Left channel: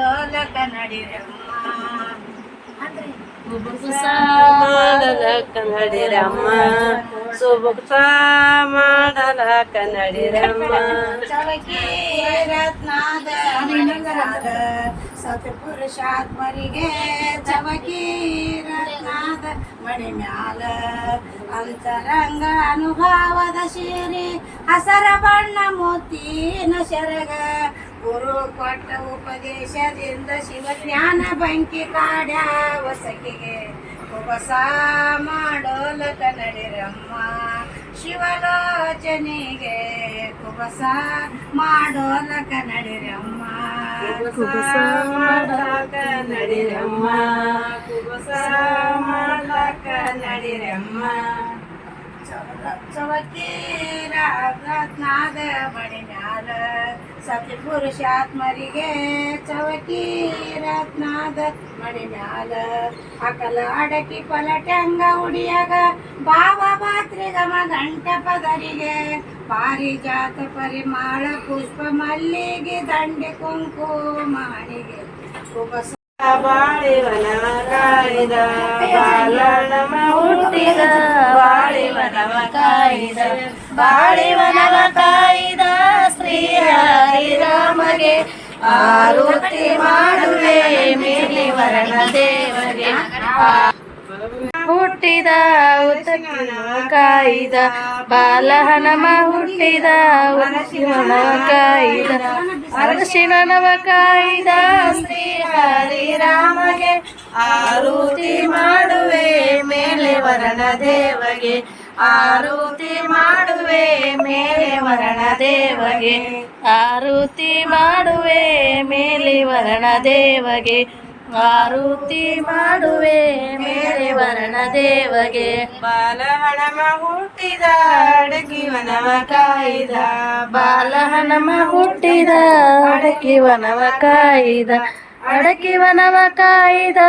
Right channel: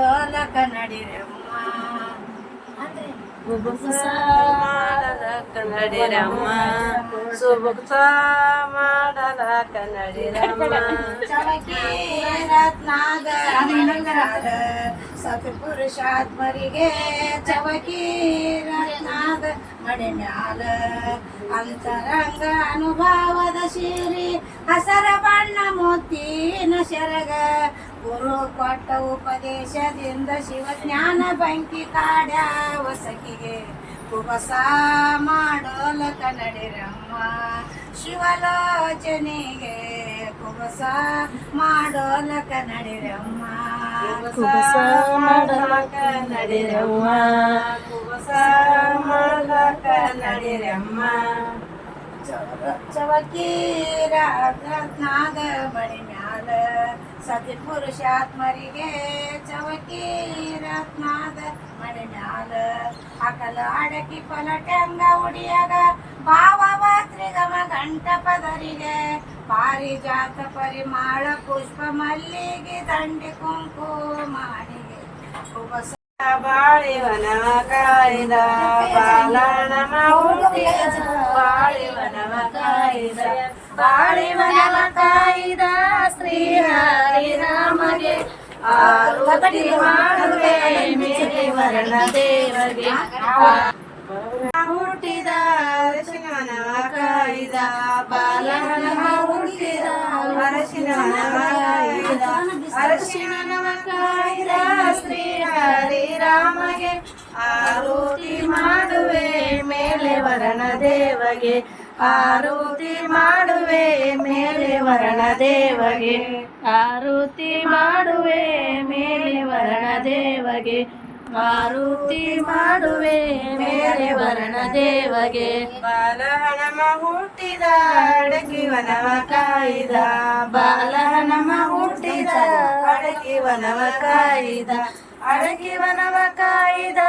ಮಾಡೋಲಕ ನಡಿರಮ್ಮ. ಅಂದ್ರೆ ಕುಬುಸ ನಡಿರಮ್ಮ. ಕನ್ನಡಿರಮ್ಮ ಸುಬುಸ ಮಾಡಲ ಚವಕಿ ರತ್ನಾದ ಸತ್ಪುರುಷಾತ್ಮರಿಗೆ ಚವಕಿ ರತ್ನಾದ ಮಡಿ ಮ್ಯಾಲ ಅಂತರಂಗ ಅನುಭವದ ಶಿರಿ ಹಸರ ಬಣ್ಣ ಮುತ್ತಿನ ಶರಗ. ಗುರು ಕೊಟ್ಟ ಉಪದೇಶದಿಂದ ಶಿವ ಜ್ಞಾನ ಬಂಕಿ ಕಾಡ್ಯ ವಸಕಿಗೆ ಉಪಸ ಮಾಡೋಲ ಕನ್ನಡಿರಮ್ಮ ಶಿವಲೋಚನೆಗೆ ಕುಬಸ ಮಾಡೋಲ ಕನ್ನಡಿರಮ್ಮ ಕುಬಸ ಮಾಡೋಲ ನಡಿರಮ್ಮ ಕುಬಸ ಮಾಡೋಲ ನಡಿರಮ್ಮ ಚವಕೀರ ನಾದ ಬಳಿ ಮ್ಯಾಲ ಪುರುಷ ಆತ್ಮರಿಗೆ ಚವಕಿ ರತ್ನಾದ ಮಣಿ ಮ್ಯಾಲ. ಅಕಲ ಅಡಕಿ ಪಲಟಂಗ ಉಡಿಯಾಗ, ಭಾವ ಭಾತ್ರಿಗಮ ಗಂಟ ಪದರಿಗೆ. ಪಾರಿಜಾತ ಪರಿಮಾಳ ಪುಷ್ಪ ಮಲ್ಲಿಗೆ, ದಂಡಿ ಕುಂಕುಮಾರಿಗೆ ಕುಬಸ ಬಾಳಿವನ ಕಾಯ್ದ ಬಾಲನಮ ಹುಟ್ಟಿದ ಬಾಳಿವನವ ಕಾಯಿದ ಬಾಳಿವನವ ಕಾಯ್ದ. ಶ್ರೀ ಹರಿರಾಮಗೆ ಆರೋಗ್ಯ ಮಾಡುವೆ, ಮೇಲೆ ವರ್ಣ ದೇವಗೆ. ಹುಟ್ಟಿದ ಕಾಯ್ದ ಬಾಲಹನಮ ಹುಟ್ಟಿದ ಶಿವನವ ಕಾಯ್ದ. ಅರಶಿಣನವ ಕಾಯ್ದ, ಶ್ರೀ ಹರಿರಾಮಗೆ. ಆರುತಿ ಮಾಡುವೆ, ಮೇಲೆ ವರ್ಣ ದೇವಗೆ. ಆರುತಿ ಮಾಡುವೆ ಮೇಲೆ ವರಣ ದೇವಗೆ. ಆರುತಿ ಮಾಡುವೆ ಮೇಲೆ ವರಣ ದೇವಗೆ. ಆರುತಿ ಮಾಡುವೆ ಮೇಲೆ ವರಣ ದೇವಗೆ. ಬಾಲಹಣಮ ಹುಟ್ಟಿದ ಅಡಕಿವನವ ಕಾಯ್ದ. ಬಾಲಹನಮ ಹುಟ್ಟಿದ ಅಡಕಿವನವ ಕಾಯ್ದ. ಅಡಕಿವನವ ಕಾಯ್ದ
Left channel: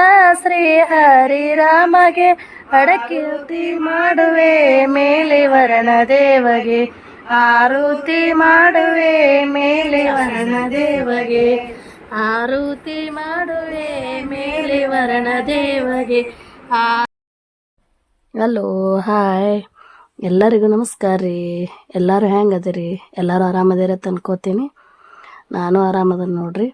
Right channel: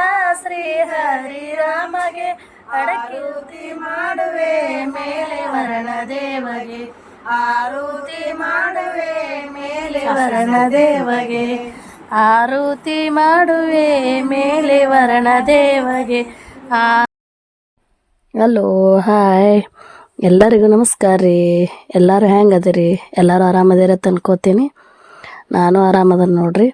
ಶ್ರೀ ಹರಿರಾಮಗೆ ಉತಿ ಮಾಡುವೆ ಮೇಲೆ ವರಣ ದೇವಗೆ. ಆರುತಿ ಮಾಡುವೆ ಮೇಲೆ ವರಣ ದೇವಗೆ. ಆರುತಿ ಮಾಡುವೆ ಮೇಲೆ ವರಣ ದೇವಗೆ. ಹಲೋ ಹಾಯ್ ಎಲ್ಲರಿಗೂ ನಮಸ್ಕಾರ ರೀ. ಎಲ್ಲರೂ ಹೆಂಗೆ ಅದಿರಿ ಎಲ್ಲರೂ ಆರಾಮದಿರ ಅನ್ಕೋತೀನಿ ನಾನು ಆರಾಮದ ನೋಡ್ರಿ.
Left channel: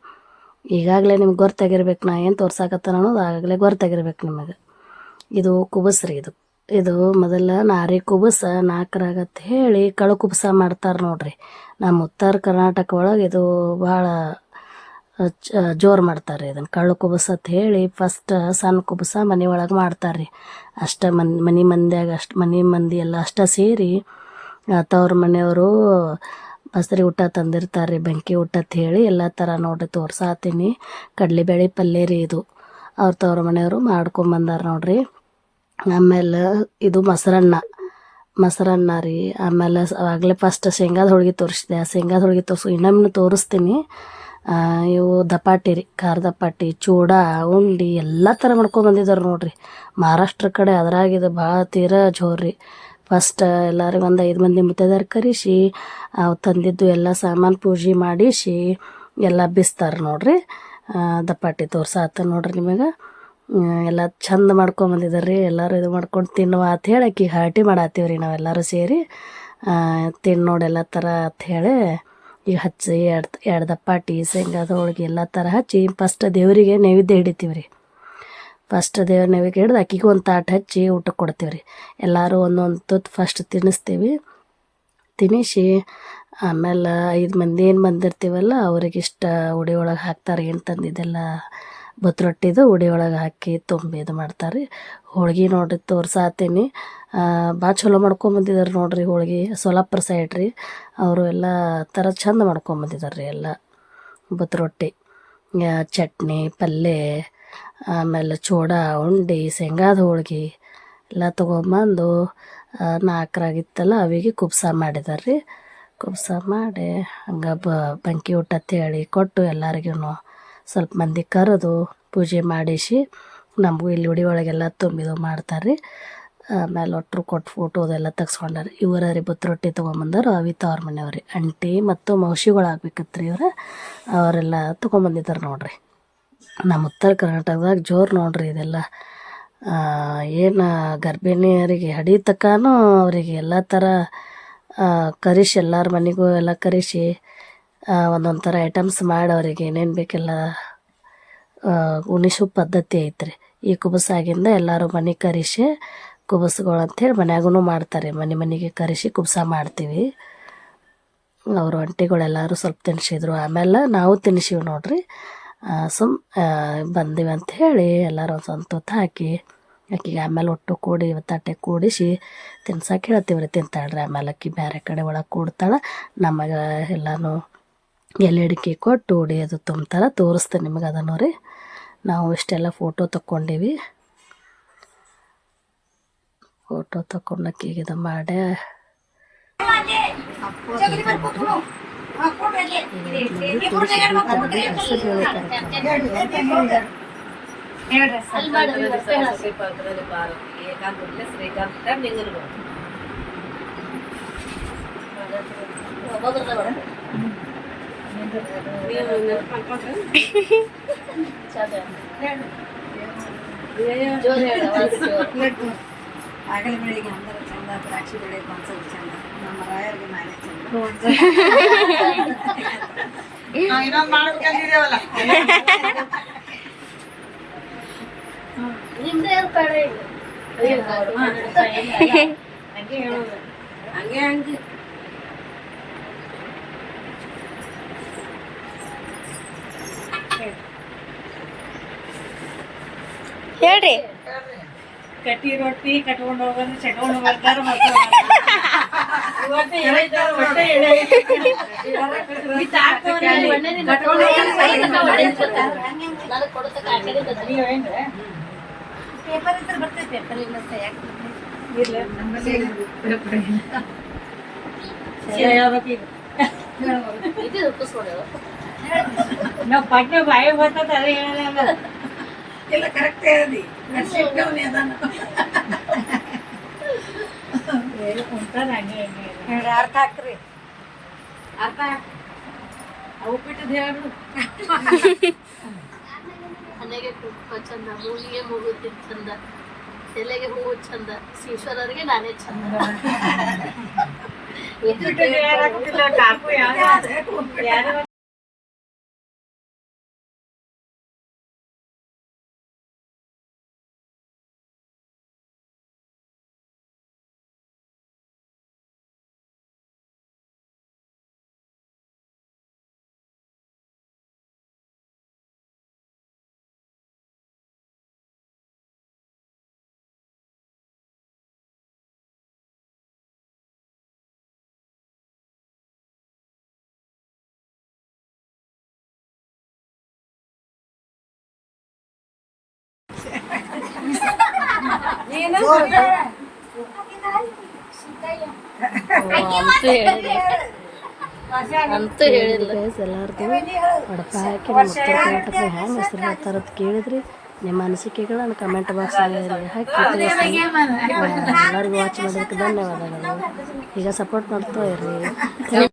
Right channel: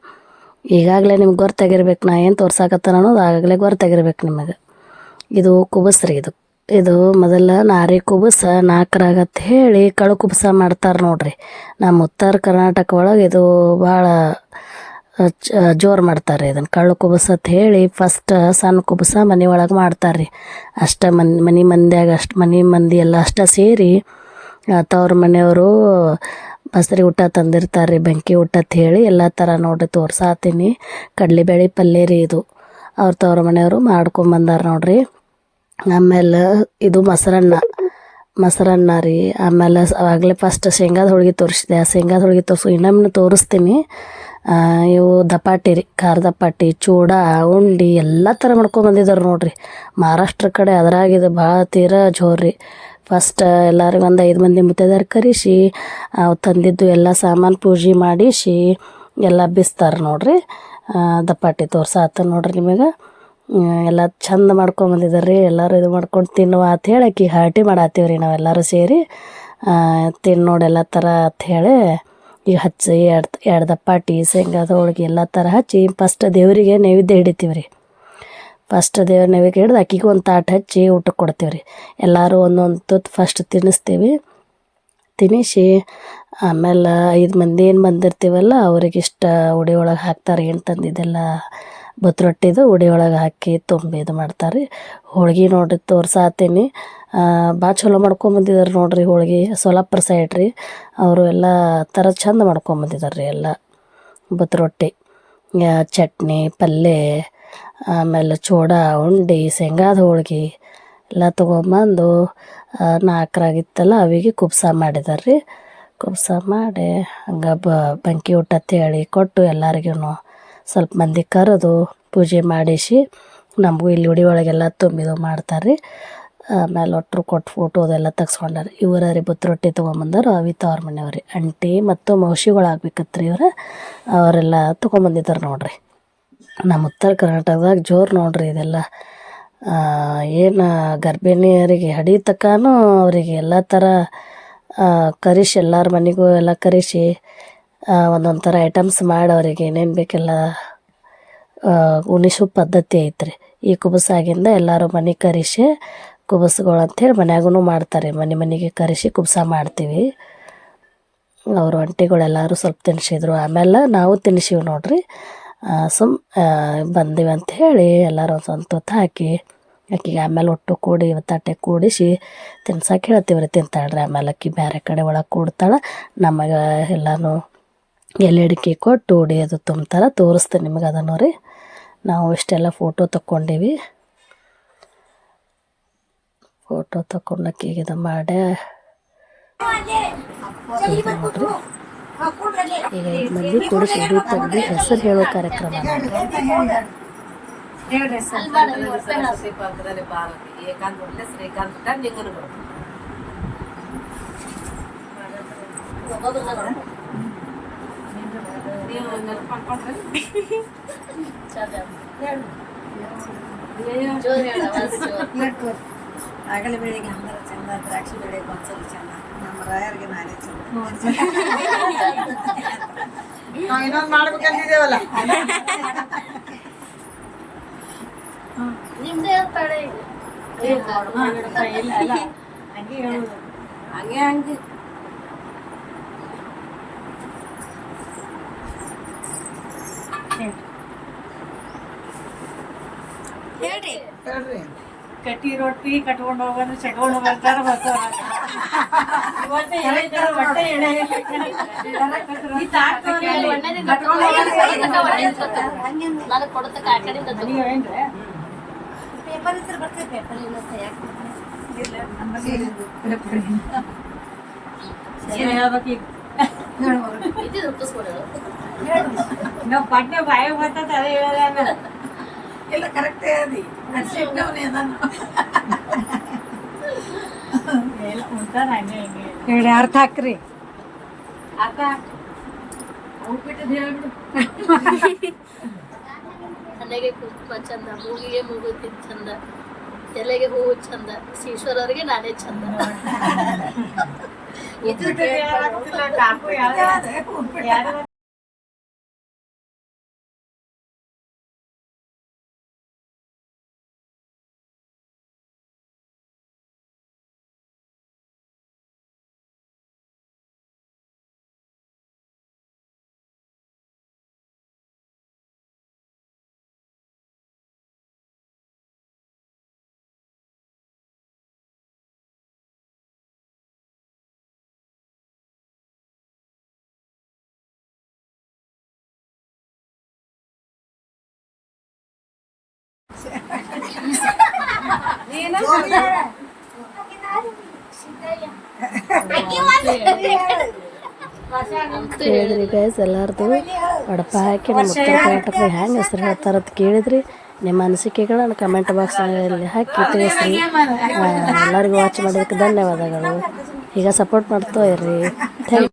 ಈಗಾಗಲೇ ನಿಮ್ಗೆ ಗೊತ್ತಾಗಿರ್ಬೇಕು ನಾ ಏನು ತೋರ್ಸಾಕತ್ತಾನ ಅನ್ನೋದು ಆಗಾಗಲೇ ಗೊತ್ತಾಗಿರ್ಬೇಕು ನಿಮಗೆ. ಇದು ಕುಬಸ್ ರೀ ಇದು. ಇದು ಮೊದಲ ನಾರಿ ಕುಬಸ ನಾಲ್ಕರಾಗತ್ತೆ ಹೇಳಿ ಕಳು ಕುಬಸ ಮಾಡ್ತಾರೆ ನೋಡ್ರಿ. ನಮ್ಮ ಉತ್ತರ ಕರ್ನಾಟಕ ಒಳಗೆ ಇದು ಭಾಳ ಜೋರು ಮಾಡ್ತಾರೆ ಇದನ್ನು ಕಳ್ಳು ಕುಬಸ ಅಂತ ಹೇಳಿ ಫಸ್ಟ್ ಸಣ್ಣ ಕುಬಸ ಮನೆ ಒಳಗೆ ಮಾಡ್ತಾರೆ ರೀ. ಅಷ್ಟ ಮನ್, ಮನೆ ಮಂದಿಯಾಗ ಅಷ್ಟು, ಮನೆ ಮಂದಿ ಎಲ್ಲ ಅಷ್ಟ ಸೇರಿ ತವ್ರ ಮನೆಯವರು ಬಸರಿ ಊಟ ತಂದಿರ್ತಾರೆ ರೀ ಬೆಂಕಿ ಊಟ ಅಂತ ಹೇಳಿ ಎಲ್ಲ ಥರ ನೋಡ್ರಿ ತೋರ್ಸಾತೀನಿ. ಕಡ್ಲೆಬೇಳೆ ಪಲ್ಯ ರೀ ಇದು. ಅವ್ರ ತವ್ರ ಮನೆಯವರು ಮಾಡ್ಕೊಂಬಂದಾರ ನೋಡ್ರಿ. ಆಮೇಲೆ ಇದು ಮೊಸರನ್ನ ಮೊಸರನ್ನ ರೀ. ಆಮೇಲೆ ಆಗಲೇ ಫಸ್ಟ್ ಶೇಂಗಾದ ಹೋಳಿಗೆ ತೋರಿಸಿದೆ. ಆ ಶೇಂಗಾದ ಹೋಳಿಗೆ ತೋರಿಸು, ಇನ್ನೊಮ್ಮೆ ತೋರಿಸ್ತೀನಿ. ಇವು ದಪಾಟಿ ರೀ ಖಾರ ದಪಾಟಿ ಚೂಡ, ಉಂಡಿ ಎಲ್ಲ ಥರ ಮಾಡ್ಕೊಂಡು ಬಂದಿದ್ದಾರೆ ನೋಡ್ರಿ. ಮಹಾರಾಷ್ಟ್ರ ಕಡೆ ಅದರಾಗಿದೆ ಭಾಳ ತೀರ ಜೋರು ಫಸ್ಟ್ ಎಲ್ಲರಿಗೂ ಒಂದು ಐದು ಮಂದಿ ಮುತ್ತೈದಾರ ಕರೆಸಿ ಅವು ತಂದಿದ್ದು ಎಲ್ಲ ಸಾಮಾನು ಪೂಜೆ ಮಾಡಿಸಿ ಎಲ್ಲ ಬಿಸ್ತಾರೆ ನೋಡ್ರಿ. ದಪ್ಪಾಟಿ ತೋರ್ಸಾತ ನೋಡ್ರಿ ನಿಮಗೆ. ಎಲ್ಲ ಚಂದ ಮಾಡ್ಕೊಂಬಂದಿದ್ದಾರೆ ರೀ ಎಲ್ಲರೂ ಇದು ಮಾಡ್ಕೊಂಡು ತಿನ್ನುವ ಅಂತ ಹೇಳಿ ಆಕಿ ಹಾಟಿ ಮಾಡಾತೀವಿ ರೀ ನಾವೆಲ್ಲರೂ ಸೇರಿ. ತಿನ್ನು ನೋಡಿ ಎಲ್ಲ ಥರ ಅಂತ ಹೇಳಿ ಈಗ ಹಚ್ಚಿ ಎರಡು ಎರಡು ದಪ್ಪಾಟಿ, ಶೇಂಗಾದ ಹೋಳಿಗೆ ಎಲ್ಲ ಥರ ಹಚ್ಚಿ, ಫಸ್ಟ್ ದೇವರಿಗೆ ನೈವೇದ್ಯ ಹಿಡಿತೀವಿ ರೀ ಫಸ್ಟ್ ದೇವ್ರ ನೈವೇದ್ಯ ಹಿಡ್ದು ಅಕ್ಕಿಗೆ ಒಂದು ತಾಟು ಹಚ್ಚಿ ಊಟಕ್ಕೆ ಕೊಡ್ತೀವಿ ರೀ ಎಲ್ಲರೂ ಒಂದೊಂದು ತುತ್ತು ಫಸ್ಟ್ ತಿನ್ನಿಸ್ತೀವಿ. ತಿನ್ನಿಸಿ ಆಮೇಲೆ ಐದು ಮಂದಿ ಏನು ಬಂದಿರ್ತೀವಲ್ಲ ಅವ್ರಿಗೆ ಇಷ್ಟ ಉಡಿ ಒಳಗೆ ಹಾಕ್ತಾರೆ ಏನು ತಂದಿದ್ದೆಲ್ಲ ಬತ್ ರೊಟ್ಟಿದು ಉಡಿ ಒಳಗೆ ಹಾಕಿ ತುಂಬಿ ಇದು ಮಾಡ್ತಾರೆ ಹೋಳ್ಗೆ ನೋಡ್ರಿ ತೋರ್ಸಾತೀನಿ. ಭಾಳ ಚಲೋ ಮಾಡ್ಕೊಂಬಂದಿದ್ದಾರೆ ನೋಡ್ರಿ ಹೋಳ್ಗೆ. ಸೋಲಾಪುರ ಸೈಡ್ ರೀ. ಅವರು ಎಲ್ಲ ಥರ ಚಂದ ಮಾಡ್ಕೊಂಬಂದಿದ್ದಾರೆ ರೀ ಎಲ್ಲ. ಬತ್ ರೊಟ್ಟಿ, ಯಾ, ಚಟ್ನಿ, ಪಲ್ಯ. ಆಮೇಲೆ ಚೂಡ, ಉಂಡೆ, ಶೇಂಗಾದ ಹೋಳ್ಗೆ ಎಲ್ಲ ತೊಗೊಂಬಂದು ನಾಲ್ಕರಾಗಿತ್ತಲ್ಲ, ಅವಿಗೆ ಕುಬ್ಸ ಮಾಡಿದಾರೆ ರೀ ಕುಬ್ಸ ಮಾಡಿ ಹಂಗೆ ಬೆಂಕಿ ಊಟ ತೇಳಿ ಕೊಟ್ಟು ಎಲ್ಲರಿಗೂ ಸ್ವಲ್ಪ ಮಂದಿ ಕರೆದು ಪೂಜೆ ಮಾಡಿಸಿ ನಮಗೂ ಇಲ್ಲಿ ಉಡಿ ಒಳಗೆಲ್ಲ ತುಂಬಿದು ಮಾಡ್ತಾರೆ ರೀ ಆಮೇಲೆ ಒಟ್ಟರು ಕೊಟ್ಟು ಫೋಟೋ ಅದೆಲ್ಲ ತೆಗ್ಸ್ಕೊಂಡಾರೆ ಇವರ ರೀ ಬುತ್ತ ರೊಟ್ಟಿ ತೊಗೊಂಬಂದಾರ ಅವಿತ ಅವ್ರ ಮನೆಯವ್ರಿ. ಅಂಟಿ ಮತ್ತು ಮೌಸಿಗಳು ಆಗ್ಬೇಕತ್ರಿ ಇವ್ರು. ಅವರೆಲ್ಲ ತೊಗೊಂಬಂದಿದ್ದಾರೆ ನೋಡ್ರಿ. ನಮ್ಮ ಉತ್ತರ ಕರ್ನಾಟಕದಾಗ ಜೋರು ನೋಡ್ರಿ ಇದೆಲ್ಲ. ಏನು ಗರ್ಭಿಣಿಯರಿಗೆ ಹಡಿ ತನಕನೂ ಅವರಿಗೆ ಎಲ್ಲ ಥರ ಕರಿಸಿ ಎಲ್ಲರ ಮನೆಗೂ ಎಲ್ಲ ಕರೆಸಿ ಒಂದೊಂದು ಥರ ಐಟಮ್ಸ್ ಮಾಡಿ ಅವ್ರಿಗೆ ಏನೇನು ಬೇಕೆಲ್ಲ ಉಣಿಸೋ ಪದ್ಧತಿ ಐತ್ರಿ. ಈ ಕುಬಸಾಗಿಂದ ಎಲ್ಲರೂ ಮನೆ ಕರೆಸಿ ಕುಬಸ್ಗಳು ಅಂಥೇಳಿ ಮನ್ಯಾಗೂ ಮಾಡ್ತಾರೆ. ಮನೆ ಮನೆಗೆ ಕರೆಸಿ ಕುಬಸ ಮಾಡ್ತೀವಿ. ಅವರು ಒಂಟಿಗಳೆಲ್ಲರೂ ಸ್ವಲ್ಪ ತಿನ್ನಿಸಿದ್ರು ಆಮೇಲೆ ನಾವು ತಿನ್ಸಿವಿ ನೋಡ್ರಿ. ಸುಮ್ ಬಂದೀವಿ ಅಂತ ಹೇಳಿ ಎಲ್ಲರೂ ಒಂದು ಸ್ವಂತ ಹಾಕಿ ಆಕಿಗೆ ಆಮೇಲೆ ಒಟ್ಟು ಕೂಡಿ ತಟ್ಟೆ ಕೂಡಿಸಿ ತಿನ್ಸಕ್ಕೆ ಹೇಳ್ತೀವಿ ರೀ, ತಿಂತಾಳ್ರಿ. ಆಮೇಲೆ ಆಕಿ ಬೇರೆ ಕಡೆ ಒಳಗೆ ಕೂಡ್ತಾಳೆ. ನಮಗೆ ಎಲ್ಲನೂ ಎಲೆ ಅಡಿಕೆ ಕೊಟ್ಟು ಉಡಿ ಅದು ತುಂಬ್ತಾರೆ ತೋರಿಸ್ತೀನಿ ನಿಮಗೆ ಅದನ್ನು ರೀ. ನಾವು ಇಷ್ಟೆಲ್ಲ ಫೋಟೋ ತಕ್ಕೊಂಡೀವಿ. ಫೋಟೋ ತಕೊಂಡಕ್ಕಿಗೆ ಇದು ಮಾಡಿ ಈಗ ಐದು ಮಂದಿ ಕೂಡಿಸಿ ಉಡಿ ತಂದು ಹೆಸರು ಹೇಳೋ ಕಾರ್ಯಕ್ರಮ ಹೇಳ್ರಿ ಸರ್ ಆಗಲಿ ಬೆಳಿಗ್ಗೆ ಅಂದ್ರೆ ಚಂದ ದ್ರಾಕ್ಷಿ ಬೆಳೆಗೆ ಒಂದ್ಸಲ ಚಂದ ನಮ್ಮ ರಾಯರ್ಗೆ ನಾನೇ ಚಂದ ಇನ್ನೊಂದು ಮಾಡ್ಬೇಕಂತಿದ್ದೇವಲ್ಲ ಹಂಗೆ ಹೇಳೋದು ಹಂಗೆ ಹಂಗೆ ಹೇಳ್ರಿ ಕಟ್ಟಿ ರೊಟ್ಟಿ ಕಟ್ಕೊಂಡು ಹೋಗೋದು ಚಟ್ಕೊಂಡು ಬರ್ತಾರ ಹೇಳಿ ಈಗ? ನಾವು ಪಟ್ನೆ ಬಾಯಿ ಬರ್ತದೆ ಅದೇ ಹೇಳಲ್ಲ ಇಲ್ಲ ಹಂಗೆ ಹಂಗೆ ಹೇಳಿ. ಅರ್ಥ ಹಾಕ್ರಿ. ಅರ್ಥ ಉಪ್ಪಿಟ್ಟದ ಹೇಳು ಕುಂಕುಮ ಚಂದ ಮೂಗಿಗೆ ಮೂಗು ಚಂದ ತಲೆಗೆ ಹೂವು ಚಂದ ಈಶ್ವರರಿಗೆ ನಾನೇ ಚಂದ. ಅಂತೂ ಹೇಳಿಲ್ಲ ಗೈಸ್ ಎಲ್ಲಾರ್ದು ವಡಪ ಹಾಕಿ ನಮ್ಮ ಉತ್ತರ ಹೆಂಗೆ ಹೆಸರು ಹೇಳ್ತಾರೆ ಅಂತ ಕೇಳಿದ್ರಿ. ನಿಮ್ಮ ಅನಿಸಿಕೆಗಳನ್ನು ಕಮೆಂಟ್ ಬಾಕ್ಸ್ನಲ್ಲಿ ಹಾಕಿ ತಿಳಿಸ್ರಿ. ಎಲ್ಲರಿಗೂ ವಾಚ್ ಮಾಡೋದಕ್ಕೆ ಧನ್ಯವಾದಗಳು. ಈಗ ಸಪೋರ್ಟ್ ಮಾಡ್ತಾ ಇರ್ರಿ. ಥ್ಯಾಂಕ್